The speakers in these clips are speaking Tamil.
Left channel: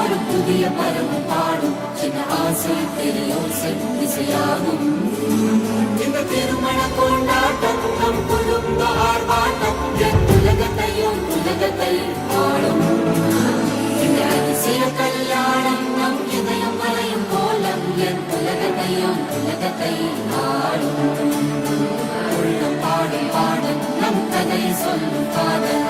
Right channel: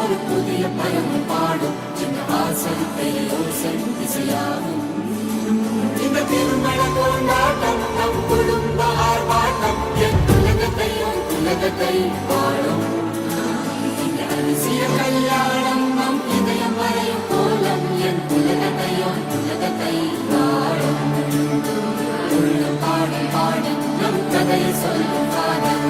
ஒரு புதிய பருவம் பாடும் என் ஆசை பெரியோசை திசையாகும். இந்த திருமண கொண்டாட்டம் நம் குடும்ப ஆர்ப்பாட்டம் என் உலகத்தை வாழும். இந்த அதிசய கல்யாணம் நம் இதயம் வரையும் கோலம் என் உலகத்தை வாழும். உள்ளம் பாடும் பாடல் நம் கதையை சொல்லும் காதல்.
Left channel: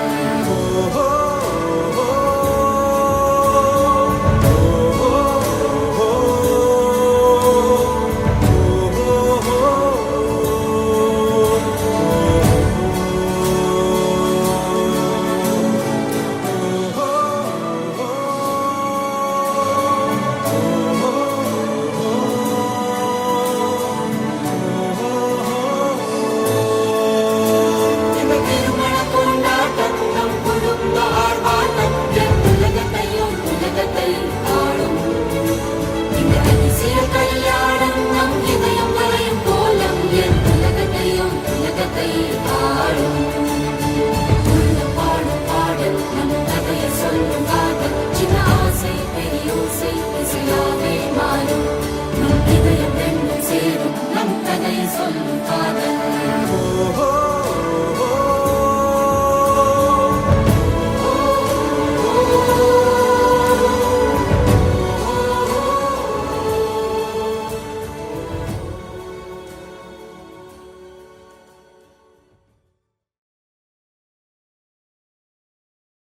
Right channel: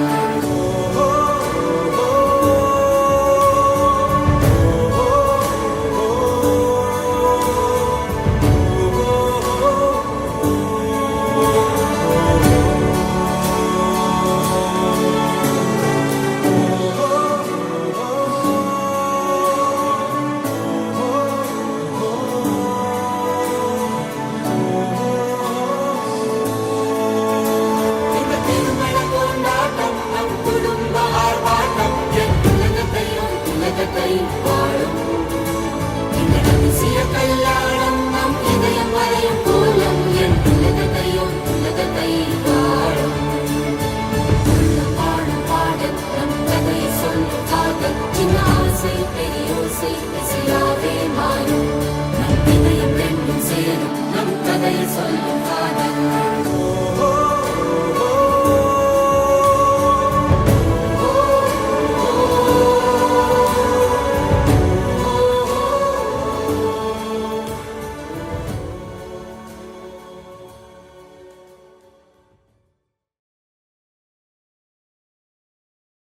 நம்